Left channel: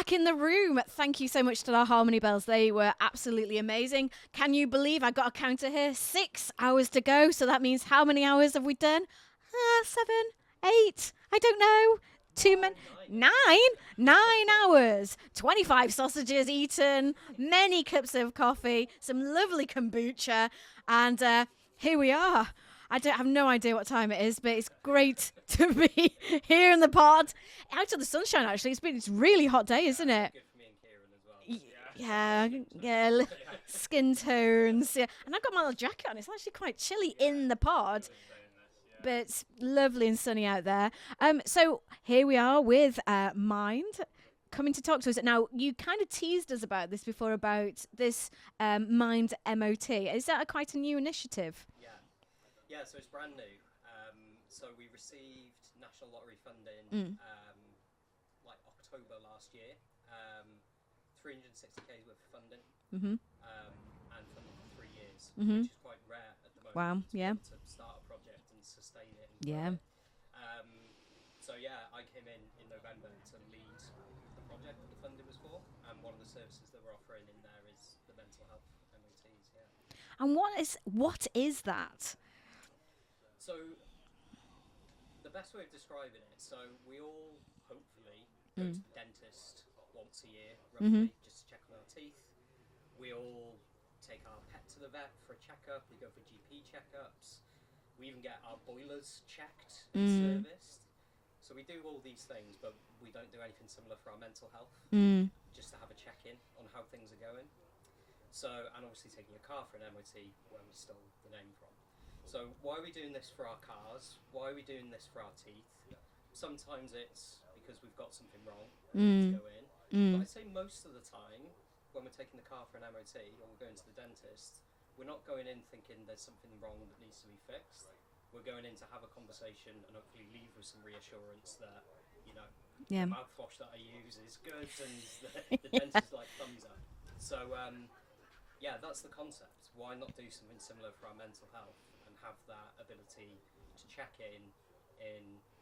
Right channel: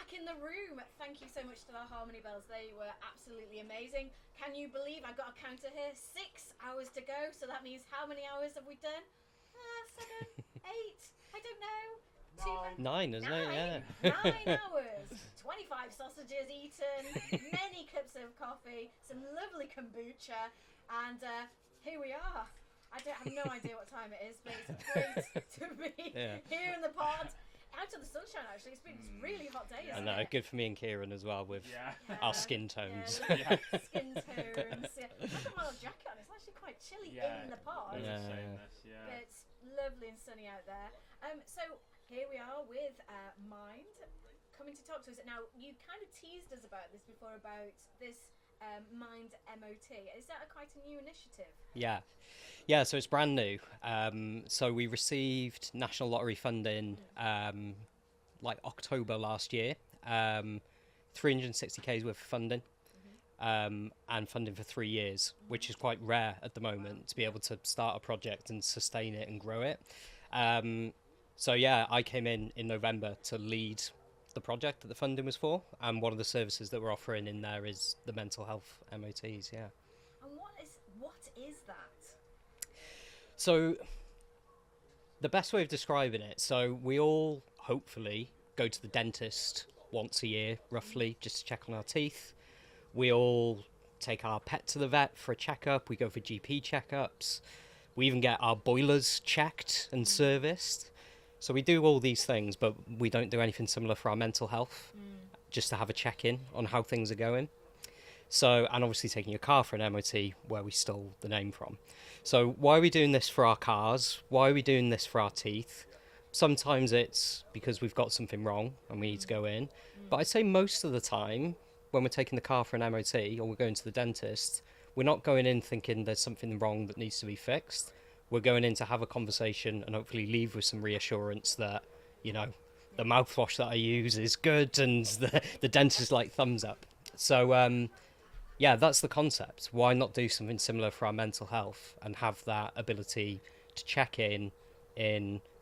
back in the room. Thank you so much to our Harmony Bells. They were absolutely amazing. Can you believe I got a counter here? 6 hours to go. So that means how many hours have we done? 7, 8. I don't know. Nine hours. 25 sausages eaten. Many cups of coffee. Some lovely kombucha. And here we are. I have no idea what time it is, but it's great to be here in the pod. Out of the sunshine, actually. It's a really hot day, isn't it? Good for me and Keiran as well with our skin tones. Yeah, skin tones. Yeah. And I've got my little jacket on. It's actually quite chilly in the pod. But it's lovely and sunny out there. So here we are with Mind coming to talk to us. Now, you kind of teased us about this before, about this Mind MOT. Is that quite a new initiative? Yeah, so it's brand new. So we received National Lottery funding like October last year. 360K's worth of funding. And funding for 3 years, which is quite rare at the moment to be able to start a project and sustain it and grow it. So I came in November to lead the project that the funding was for, and one of the services that we're offering in there is the mental health MOTs. And what is that? So the best way of describing it, so we all hopefully go to the dentist once a year roughly just to check on our teeth. We all take our pet to the vet for a checkup. We go for GP checkups. We even get our boilers checked and serviced. So we do all these things, but we don't do anything similar for our mental health, just to have a check-in on how things are going. So, and obviously taking your car for an MOT, where we stole the name from. So why are we doing this for our cars? Why are we doing this for our teeth? Sometimes it's because we've got something wrong and we need to go in. But I'd say most of the time, when we're taking the car for an MOT or we're going to the dentist, we're not going in thinking there's something wrong that needs to be fixed. We're going in to have a conversation and hopefully leave with some reassurance that, the mouthwash that I use is good and the dentist like thumbs up. So, that's the concept. Why not do something similar for our mental health and have that ability to check in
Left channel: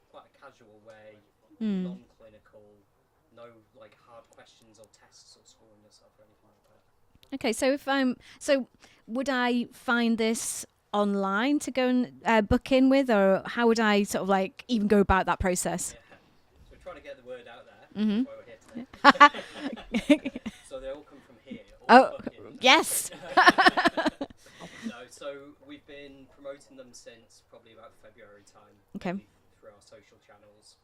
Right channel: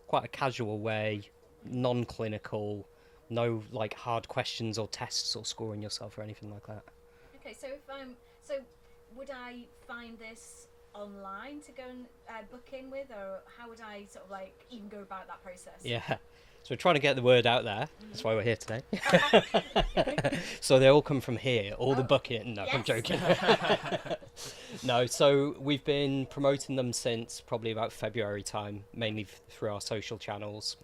quite a casual way, non-clinical, no like hard questions or tests or scoring yourself or anything like that. Okay, so would I find this online to go and book in with, or how would I sort of like even go about that process? Yeah, so we're trying to get the word out there. That's why we're here today. So they all come from here, all the booking. No, yes. I'm joking. No, so we've been promoting them since probably about February time, mainly through our social channels.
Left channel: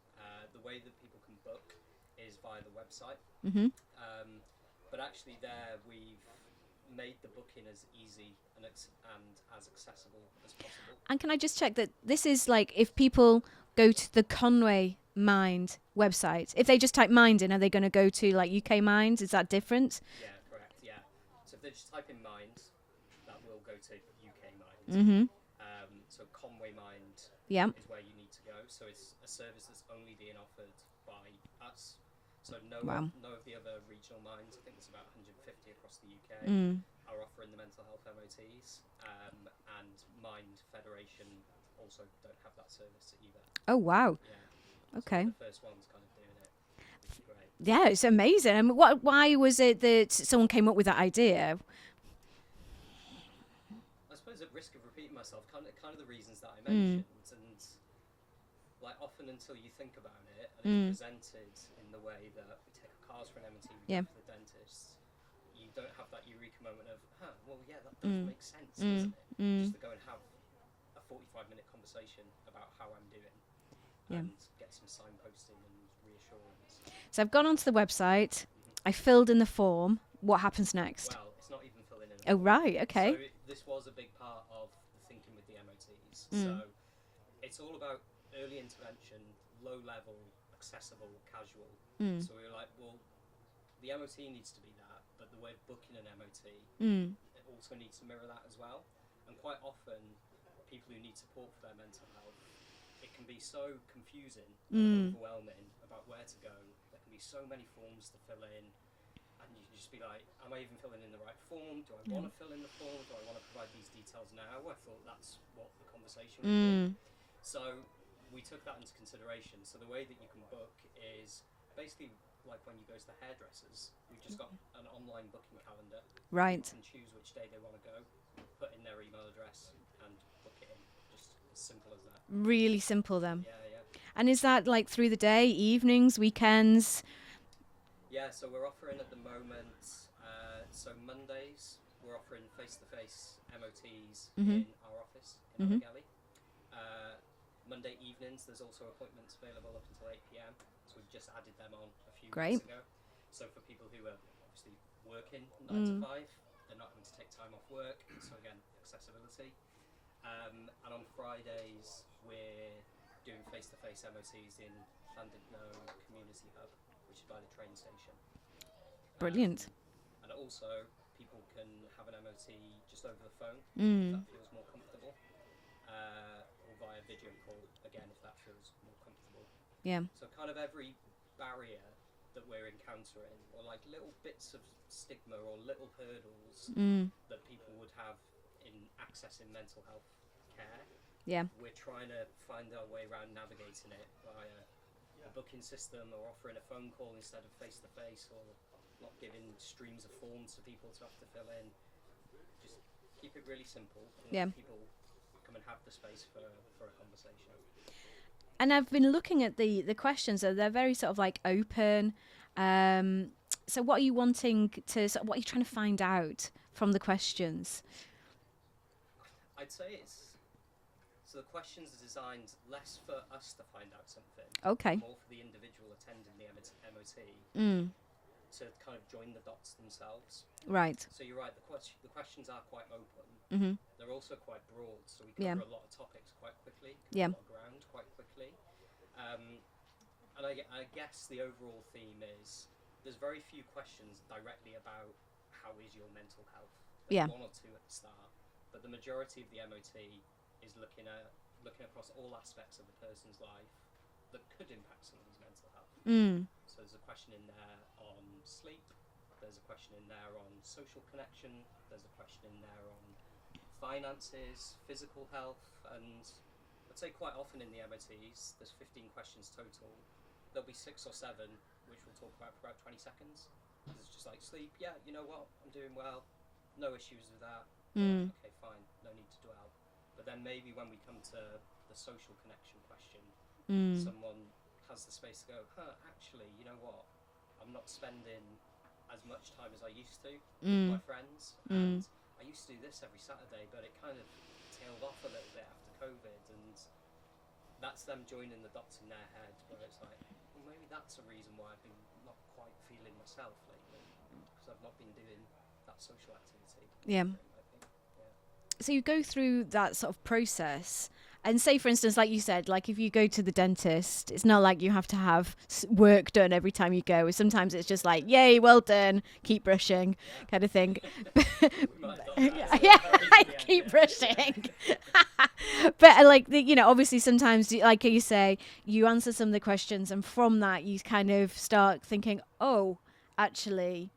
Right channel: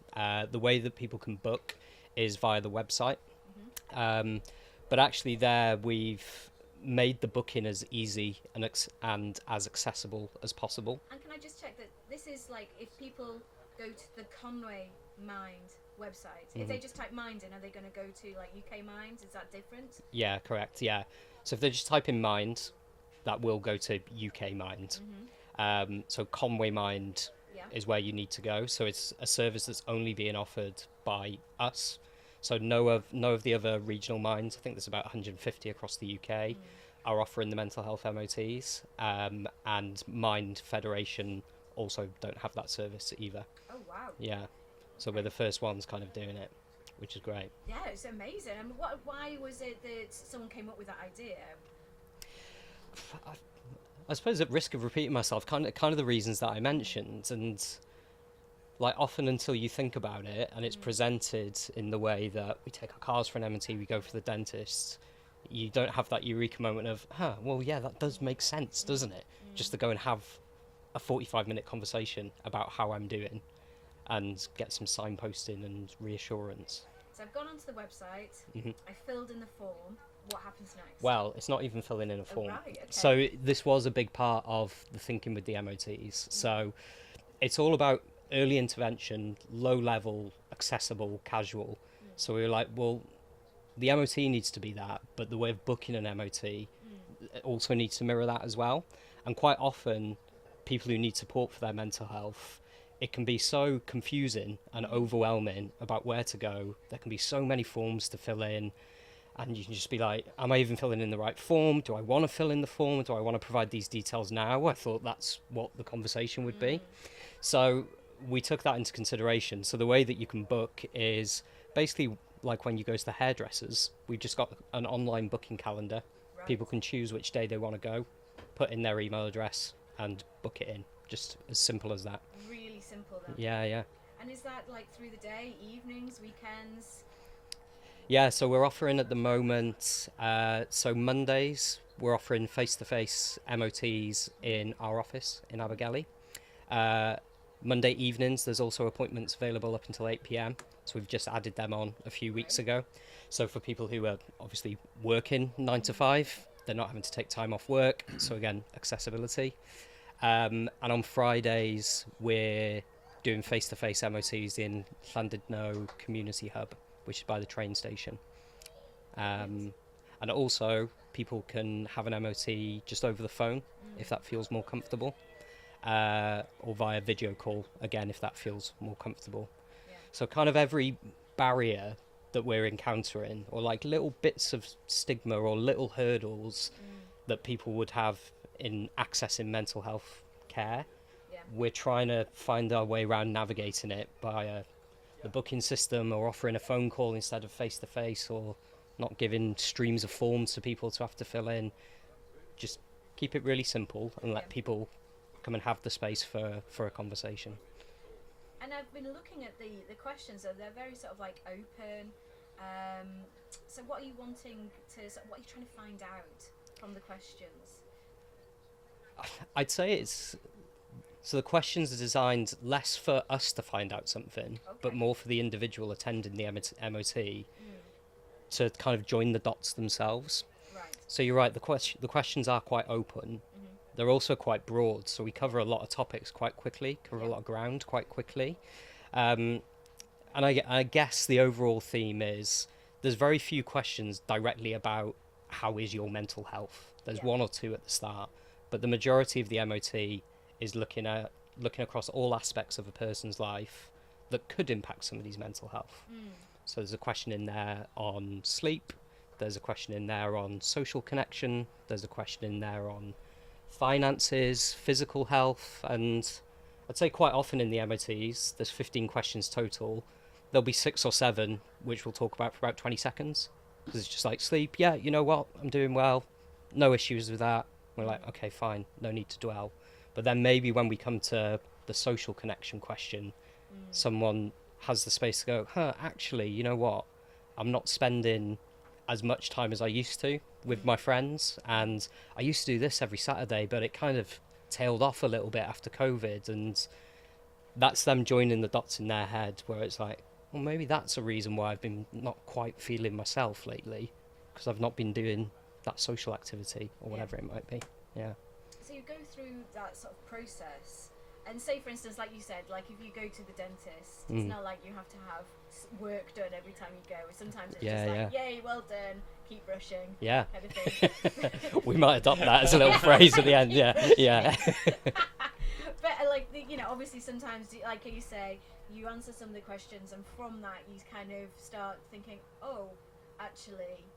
The way that people can book is via the website. But actually there we've made the booking as easy and as accessible as possible. And can I just check that this is like, if people go to the Conwy Mind website, if they just type Mind in, are they going to go to like UK Mind? Is that different? Yeah, correct. Yeah. So if they just type in Mind, that will go to UK Mind. So Conwy Mind is where you need to go. So it's a service that's only being offered by us. So no of the other regional minds, I think there's about 150 across the UK, are offering the mental health MOTs. And Mind Federation also don't have that service either. Oh, wow. Yeah. Okay. So we're the first ones kind of doing it, which is great. Yeah, it's amazing. And why was it that someone came up with that idea? I suppose, at risk of repeating myself, kind of the reasons that I mentioned, and like often until you think about it and it's presented in the way that we take our cars for an MOT, we go for the dentist, you don't have that eureka moment of, that does make sense, doesn't it? Just to go and have a 45-minute conversation about how I'm doing and get some signposting and reassurance. So I've gone onto the website, I filled in the form. What happens next? Well, it's not even filling in a form. Oh, right, okay. So this was a big part of the thinking with the MOTs. So it's all about early intervention, low level, accessible, casual. So we were like, well, the MOT needs to be that, but the way of booking an MOT also needs to mirror that as well. And quite often, people who need support for their mental health, it can be so confusing and overwhelming about where to go. There can be so many forms to fill in, and you can just be like, am I even filling in the right form? Do I want to fill in the form? Do I want to provide these details now? I thought that's what the conversation would be. So we took that into consideration. So the way that you can book is basically like when you go to the hairdressers, we've just got an online booking calendar. Right. People can choose which day they want to go, put in their email address and book it in. Just as simple as that. Really simple then. Yeah. And is that like through the day, evenings, weekends? Yeah, so we're offering at the moment, so Mondays, we're offering face-to-face MOTs in our office in Abergele. Monday evenings, there's also appointments available up until 8 p.m. So we've just added them on a few weeks ago. So for people who are obviously working 9 to 5, they're not having to take time off work. So again, accessibility. And on Fridays, we're doing face-to-face MOTs in Llandudno Community Hub, which is by the train station. Brilliant. And also, people can have an MOT just over the phone, if that feels more comfortable, or via video call, again, if that feels more comfortable. Yeah. So kind of every barrier that we're encountering, or like little bits of stigma or little hurdles that people would have in accessing mental health care, we're trying to find our way around navigating it by the booking system, or offering a phone call instead of face-to-face, or not giving streams of forms for people to have to fill in. Just keep it really simple and let people come and have the space for a conversation. And I've been looking at the questions, so they're very sort of like open. So what are you wanting to, what are you trying to find out from the questions? I'd say so the questions are designed less for us to find out something, but more for the individual attending the MOT to kind of join the dots themselves. Right. So you're right, the questions are quite open. They're also quite broad, so we cover a lot of topics quite quickly, cover a lot of ground quite quickly. And I guess the overall theme is there's very few questions directly about how is your mental health. There's one or two at the start, but the majority of the MOT is looking across all aspects of a person's life that could impact somebody's mental health. So there's a question in there on sleep, there's a question in there on social connection, there's a question in there on finances, physical health, and I'd say quite often in the MOTs, there's 15 questions total. There'll be 6 or 7 which we'll talk about for about 20 seconds, because it's just like sleep, yeah, you know what, I'm doing well, no issues with that. We're like, okay, fine, no need to dwell. But then maybe when we come to the social connection question, someone has the space to go, actually, you know what? I'm not spending as much time as I used to with my friends. And I used to do this every Saturday, but it kind of tailed off a little bit after COVID. And that's them joining the dots in their head, where it's like, well, maybe that's a reason why I've been not quite feeling myself lately, because I've not been doing that social activity or whatever it might be. So you go through that sort of process, and say, for instance, like you said, like if you go to the dentist, it's not like you have to have work done every time you go. Sometimes it's just like, yay, well done, keep brushing, kind of thing. We might adopt that as a little phrase at the end. But like, obviously sometimes, like you say, you answer some of the questions, and from that you kind of start thinking, oh, actually,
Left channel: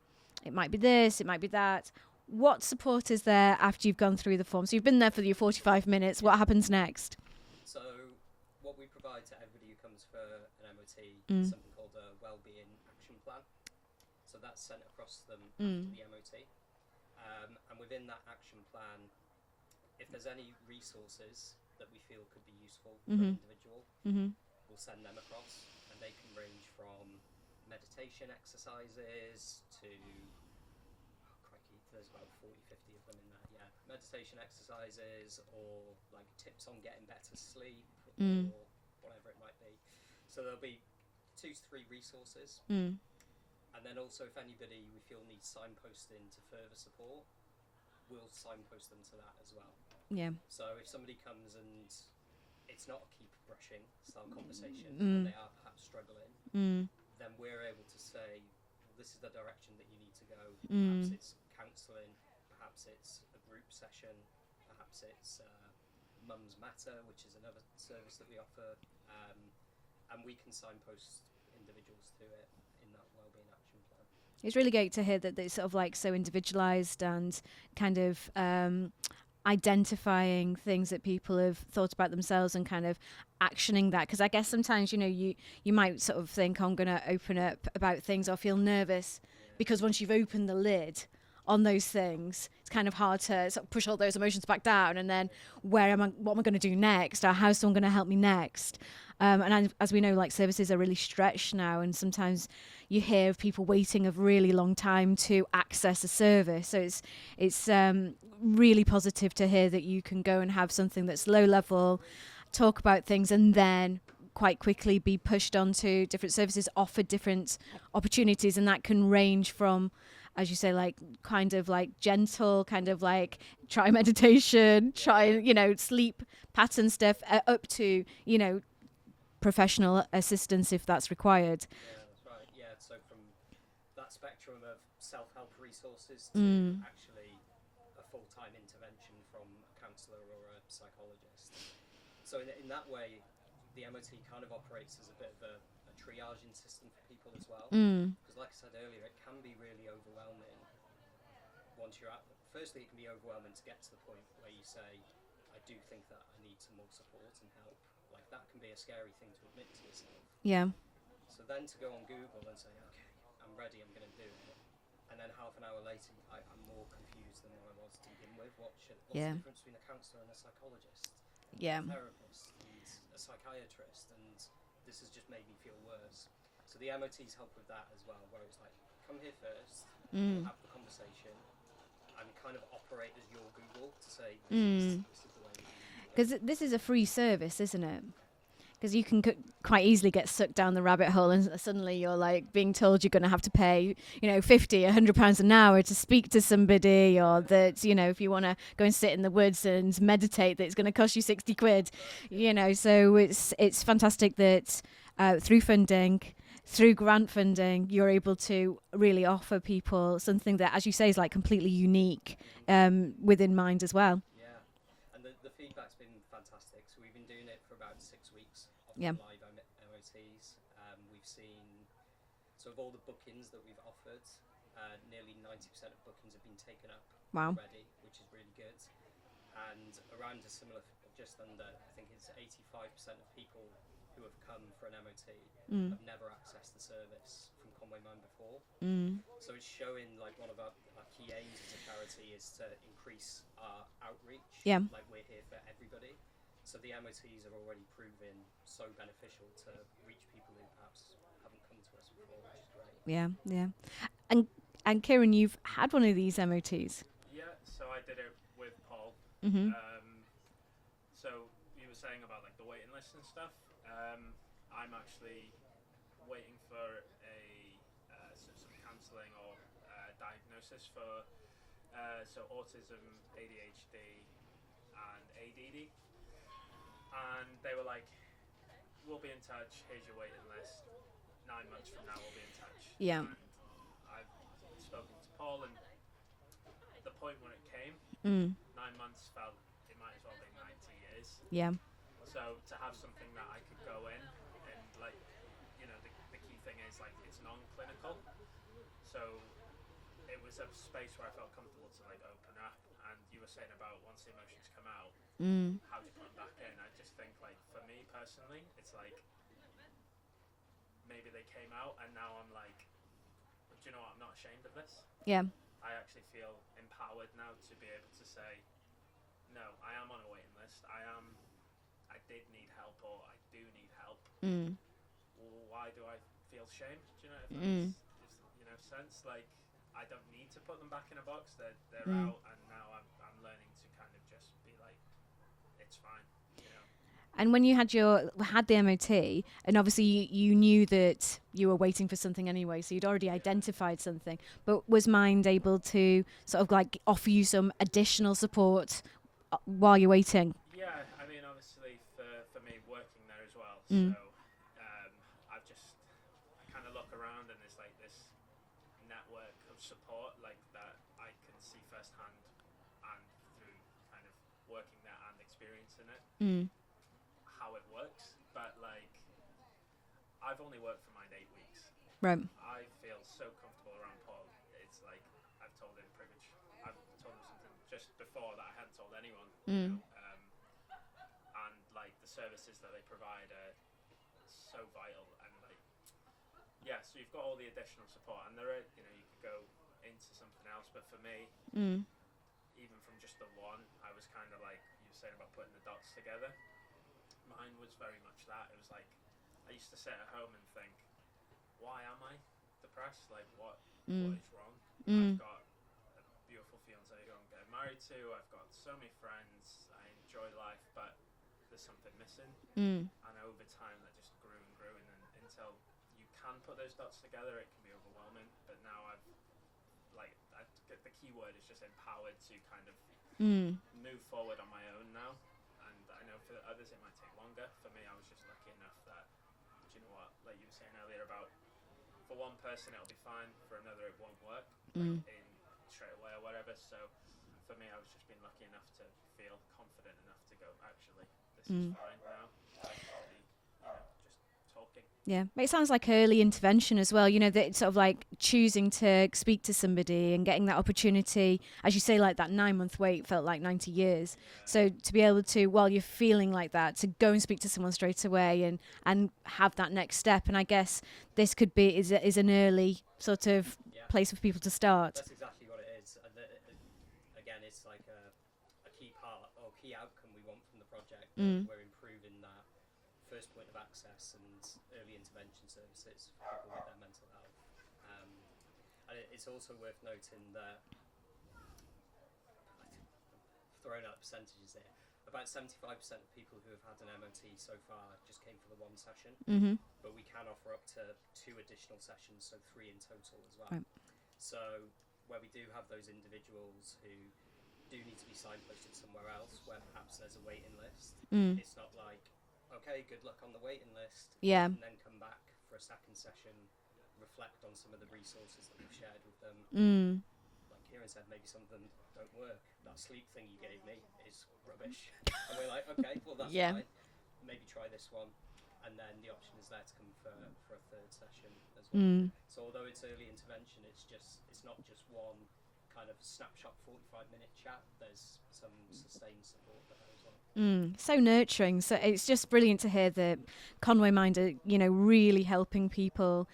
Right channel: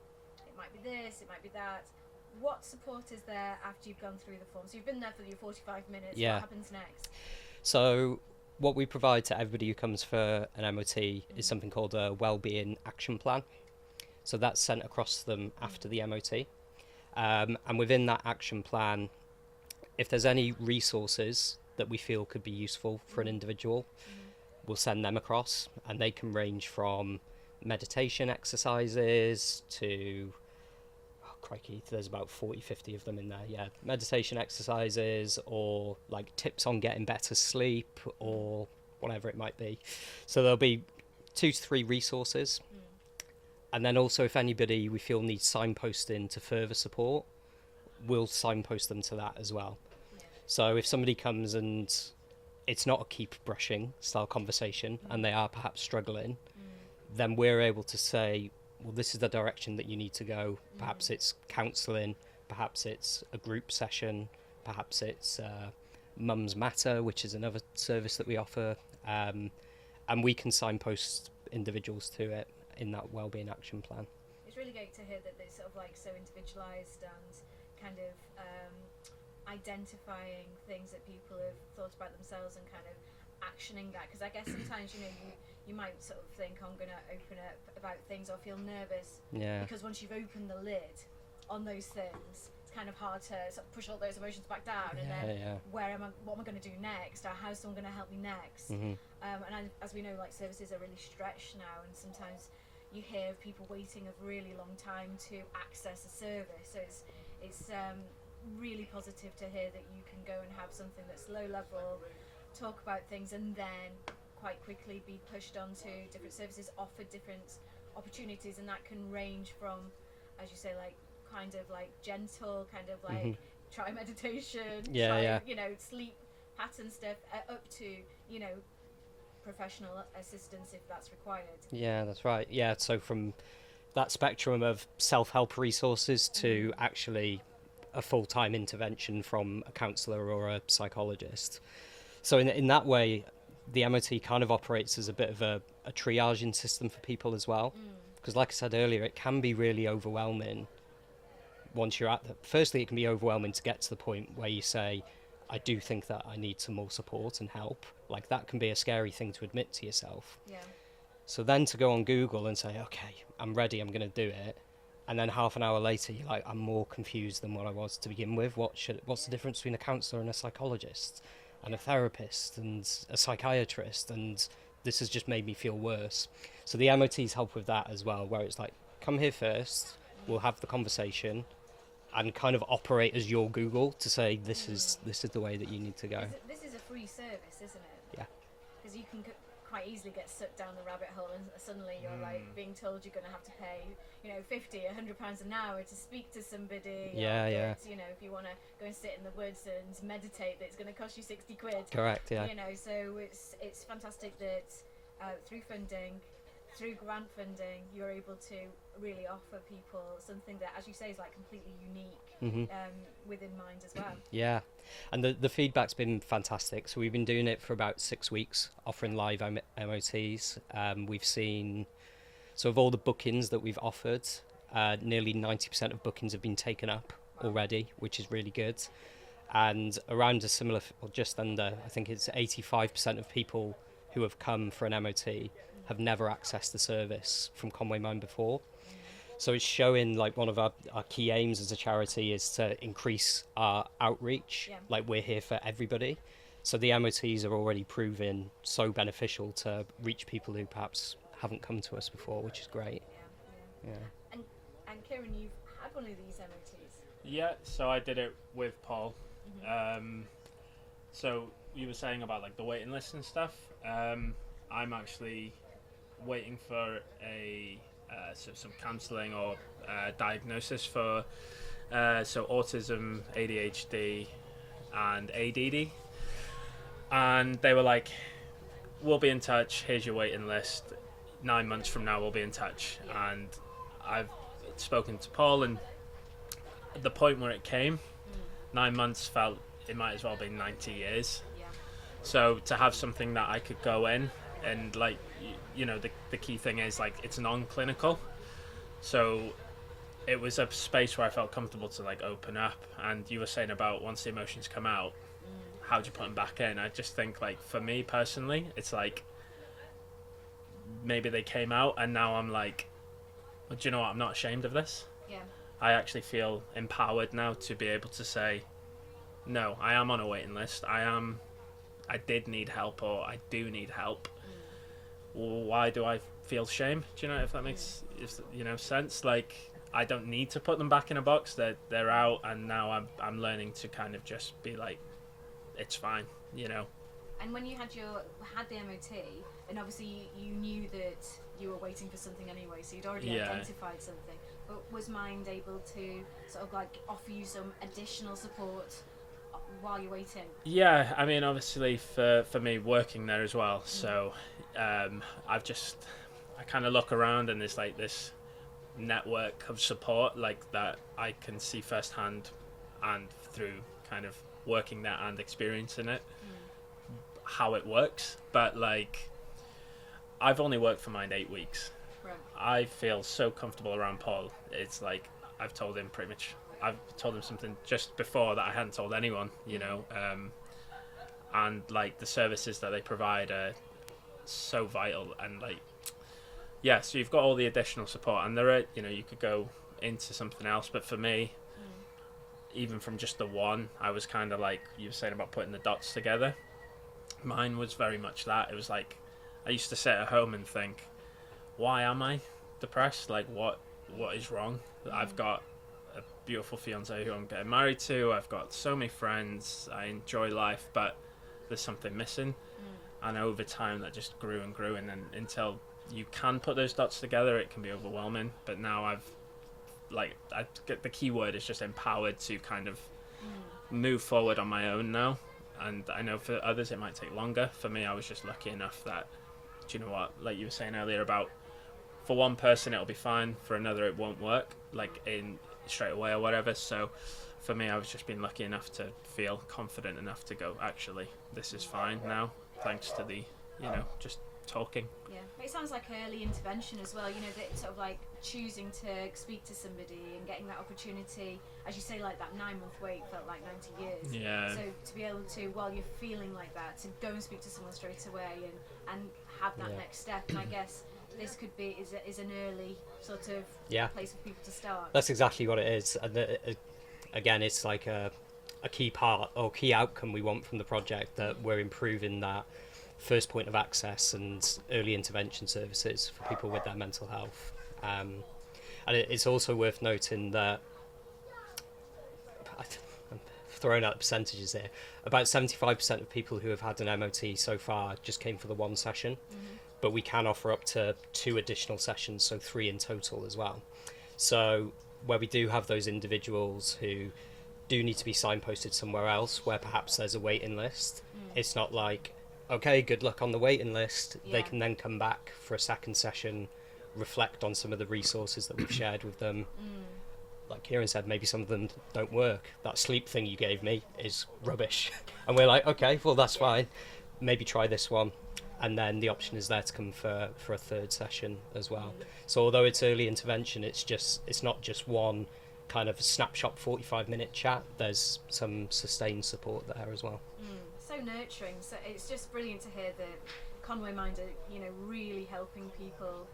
it might be this, it might be that. What support is there after you've gone through the form? So you've been there for your 45 minutes. What happens next? So what we provide to everybody who comes for an MOT is something called a Wellbeing Action Plan. So that's sent across to them after the MOT. And within that action plan, if there's any resources that we feel could be useful for an individual, we'll send them across. And they can range from meditation exercises to... crikey, there's about 40-50 of them in there. Meditation exercises, or like tips on getting better sleep, or whatever it might be. So there'll be 2 to 3 resources, and then also if anybody we feel needs signposting to further support, we'll signpost them to that as well. So if somebody comes and it's not a keep brushing style conversation and they are perhaps struggling, then we're able to say, well, this is the direction that you need to go. Perhaps it's counselling, perhaps it's a group session, perhaps it's Mums Matter, which is another service that we offer, and we can signpost individuals to it in that Wellbeing Action Plan. It's really great to hear that it's sort of like so individualised and kind of identifying things that people have thought about themselves and kind of actioning that, because I guess sometimes you might sort of think, I'm going to open up about things or feel nervous because once you've opened the lid on those things, it's kind of hard to sort of push all those emotions back down, and then what am I going to do next, or how's someone going to help me next? And as we know, like, services are really stretched now, and sometimes you hear of people waiting a really long time to access a service. So it's really positive to hear that you can go and have something that's low level, talk about things, and then quite quickly be pushed onto different services, offered different opportunities, and that can range from, as you say, like kind of like gentle, kind of like try meditation, sleep pattern stuff, up to, professional assistance if that's required. Yeah, that's right. Yeah, so from that spectrum of self-help resources to actually a full-time intervention from a counsellor or a psychologist. So in that way, the MOT kind of operates as a bit of a triaging system for people as well. Because like I said earlier, it can be really overwhelming once you're firstly, it can be overwhelming to get to the point where you say, I do think that I need some more support and help. Like, that can be a scary thing to admit to yourself. Yeah. So then to go on Google and say, okay, I'm ready, I'm going to do it. And then half an hour later, you're like, I'm more confused than what I was to begin with. What's the difference between a counsellor and a psychologist? And a therapist and a psychiatrist, and this has just made me feel worse. So the MOTs help with that as well, where it's like, come here first, we'll have the conversation, and kind of operate as your Google to say, this is the way that you need to go. This is a free service, isn't it? Yeah. Because you can quite easily get sucked down the rabbit hole, and suddenly you're like being told you're going to have to pay, £50, £100 an hour to speak to somebody, or that, if you want to go and sit in the woods and meditate, that it's going to cost you £60. Correct. Yeah. So it's fantastic that through funding, through grant funding, you're able to really offer people something that, as you say, is like completely unique within Mind as well. Yeah. And the feedback's been fantastic. So we've been doing it for about 6 weeks, offering live MOTs. We've seen, so of all the bookings that we've offered, nearly 90% of bookings have been taken up already, which is really good. And around a similar, or just under, I think it's 85% of people who have come for an MOT have never accessed the service from Conwy Mind before. So it's showing, like, one of our key aims as a charity is to increase our outreach. Like, we're here for everybody. So the MOTs are already proving so beneficial to reach people who perhaps haven't come to us before, which is great. Yeah. And Keiran, you've had one of these MOTs. Yeah, so I did it with Paul. So you were saying about, like, the waiting list and stuff. I'm actually waiting for some counselling or diagnosis for so autism, ADHD, and ADD. And they were like, we'll be in touch, here's your waiting list, 9 months from now we'll be in touch. And I've spoken to Paul, and at the point where it came, 9 months felt it might as well be 90 years. So to have something that I could go in and, like, the key thing is, like, it's non-clinical. So it was a space where I felt comfortable to, like, open up. And you were saying about once the emotions come out, how do you put them back in? I just think, like, for me personally, it's like maybe they came out and now I'm like, well, do you know what? I'm not ashamed of this. I actually feel empowered now to be able to say, no, I am on a waiting list. I did need help, or I do need help. Why do I feel shame? Do you know if that makes sense? Like, I don't need to put them back in a box. They're out, and now I'm learning to kind of just be like, it's fine, And when you had the MOT, and obviously you knew that you were waiting for something anyway, so you'd already identified something. But was Mind able to sort of like offer you some additional support while you're waiting? Yeah, I mean, obviously for me working there as well. So I kind of look around, and there's like this network of support, like, that I can see firsthand, and through kind of working there and experiencing it, how it works. But, like, I've only worked for Mind 8 weeks. Right. I feel so comfortable around Paul. It's like I've told him pretty much I've told them something just before that I hadn't told anyone, you know, and like the services that they provide are so vital, and like, yeah, so you've got all the additional support, and there are, you know, you could go into something else, but for me, even from just the one, I was kind of like you were saying about putting the dots together. Mine was very much that. It was like I used to sit at home and think, why am I depressed? Like what is wrong? I've got a beautiful fiance who I'm getting married to. I've got so many friends. I enjoy life, but there's something missing. And over time that just grew and grew, and then until you can put those dots together, it can be overwhelming. But now I get the key word is just empowered to kind of move forward on my own now. And I know for others it might take longer. For me, I was just lucky enough that, do you know what, like you were saying earlier about, for one person it'll be fine, for another it won't work, like in straight away or whatever. So for me, I was just being lucky enough to feel confident enough to go, actually, this is fine now, thanks to the, you know, just talking. Yeah, it sounds like early intervention as well, you know, that it's sort of like choosing to speak to somebody and getting that opportunity, as you say, like that 9-month wait felt like 90 years. Yeah. So to be able to, while you're feeling like that, to go and speak to someone straight away and have that next step. And I guess this could be is an early sort of place for people to start. That's exactly what it is. And again, it's like a key part or key outcome we want from the project, that we're improving that first point of access and early intervention services for people with their mental health. And it's also worth noting that, I'm throwing out the percentages here, about 75% of people who have had an MOT so far just came for the one session, but we can offer up to 2 additional sessions, so 3 in total as well. So where we do have those individuals who do need to be signposted somewhere else, where perhaps there's a waiting list, it's not like, okay, good luck on the waiting list. They can then come back for a second session, reflect on some of the resources that we've shared with them. Like Keiran said, maybe some of them don't work. That sleep thing you gave me is rubbish. And we're like, okay, well, that's fine. Maybe try this one. And then the option is there to come for a third session as well. So although it's early intervention, it's not just one kind of snapshot 45-minute chat. There's some sustained support there as well. So nurturing. So it's just brilliant to hear that Conwy Mind are, you know, really helping people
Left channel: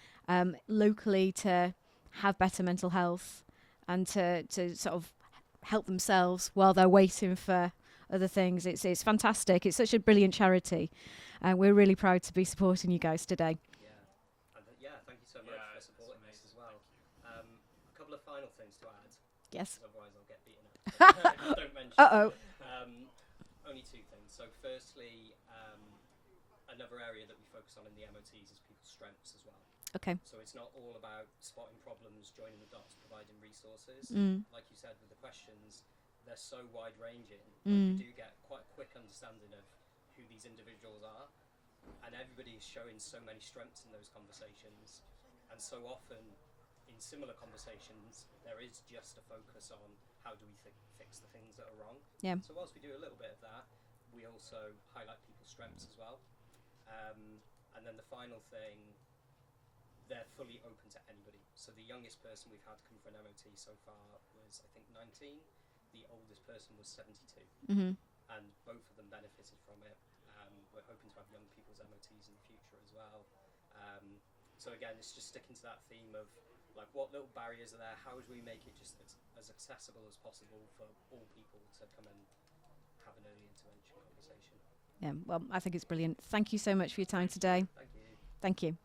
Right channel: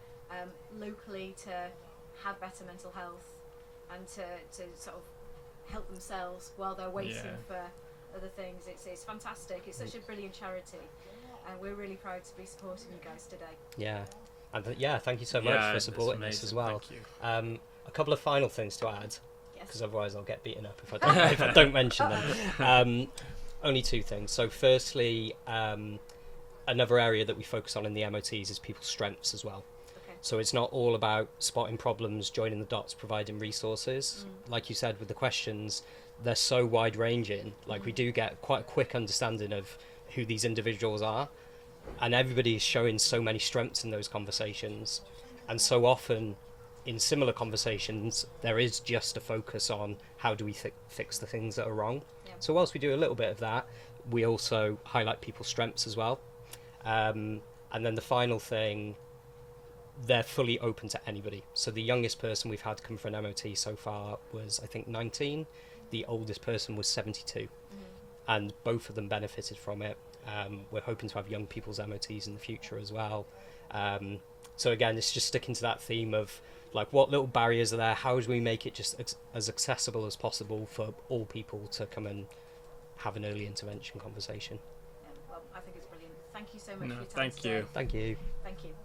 locally to have better mental health and to sort of help themselves while they're waiting for other things. It's fantastic. It's such a brilliant charity. We're really proud to be supporting you guys today. Yeah, and thank you so much for supporting us as well. A couple of final things to add, because otherwise I'll get beaten up if I don't mention them. Only 2 things. So firstly, another area that we focus on in the MOTs is people's strengths as well. Okay. So it's not all about spotting problems, joining the dots, providing resources. Like you said with the questions, they're so wide ranging. Like we do get quite a quick understanding of who these individuals are, and everybody is showing so many strengths in those conversations. And so often in similar conversations, there is just a focus on how do we fix the things that are wrong. So whilst we do a little bit of that, we also highlight people's strengths as well. And then the final thing, they're fully open to anybody. So the youngest person we've had come for an MOT so far was, I think, 19. The oldest person was 72. And both of them benefited from it. We're hoping to have young people's MOTs in the future as well. So again, it's just sticking to that theme of like, what little barriers are there? How do we make it just as accessible as possible for all people to come and have an early intervention conversation? Yeah, well, I think it's brilliant. Thank you so much for your time today. Thank you. Thank you.